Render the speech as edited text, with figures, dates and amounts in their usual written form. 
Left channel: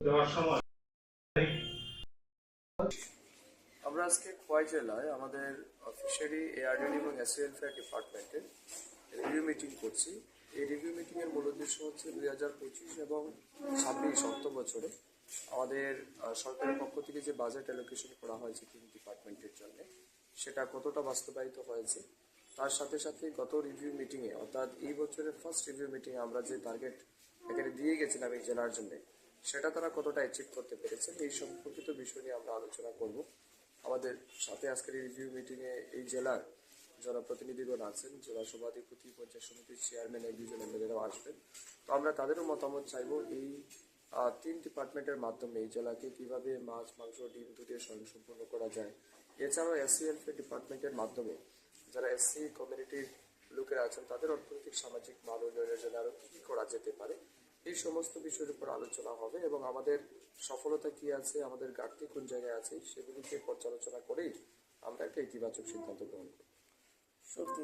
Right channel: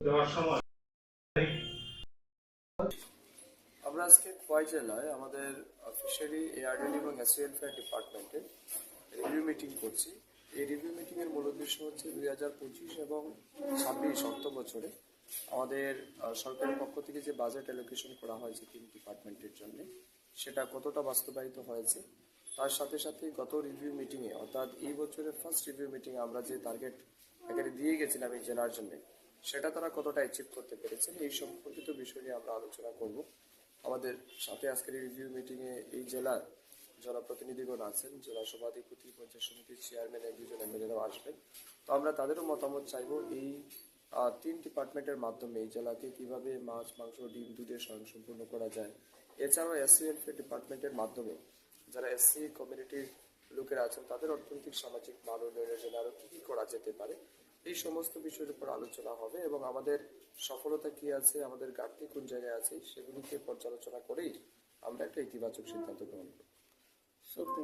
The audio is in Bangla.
দেওয়ার সময় আমরা আজকে খোয়াই জেলায় আমাদের ফিশারি এআরডি এবং এসওএলফেয়ার ডিপার্টমেন্টের রিভিউ মিটিং করছি। এই রিভিউ মিটিংয়ের মূল উদ্দেশ্য হচ্ছে 2025 এবং 26 অর্থ বছরে আমাদের সরকারের পক্ষ থেকে যে বাজেট অ্যালোকেশন করা হয়েছে 3 ডিপার্টমেন্টের জন্য সেটা কতটা বাস্তবায়িত হয়েছে, তার সাথে সাথে গত রিভিউ মিটিংয়ে অর্থাৎ এই বছরের ফার্স্ট রিভিউ মিটিংয়ে আমরা যে টার্গেট এখানে দিয়ে গেছিলাম এই জেলার জন্য সেটা তারা কতটা অ্যাচিভ করতে পেরেছেন এই সম্পর্কিত বিষয় নিয়ে আমরা আলোচনা করব। আমাদের সাথে আজকের এই রিভিউ মিটিংয়ে এই জেলার যারা প্রতিনিধিগণ আছেন, জেলা সভাধিপতি, পঞ্চায়েত সমিতির চেয়ারম্যান, দুজন এমএলএরাও আসবেন। তো আমরা তাদেরও মতামত চাইবো এই 3 ডিপার্টমেন্টের মাধ্যমে এই জেলাকে কিভাবে মাছ, মাংস, ডিম, দুধের স্বয়ংসম্পূর্ণ করা যায়। এছাড়াও এসসিএলফে ডিপার্টমেন্টের মাধ্যমে যারা এসসি কমিউনিটির লোকেরা আছেন তাদের অর্থনৈতিক সামাজিক মান উন্নয়নের জন্য আরো কি করা যেতে পারে এই সমস্ত বিষয়ের উপর আলোচনা হবে এবং আমাদের সফলতা কি আছে, আমাদের ঘাটতি কোন জায়গায় আছে সেগুলিকে পর্যালোচনা করেই আমরা একটা ইতিবাচক সিদ্ধান্ত গ্রহণ করব। সত্যি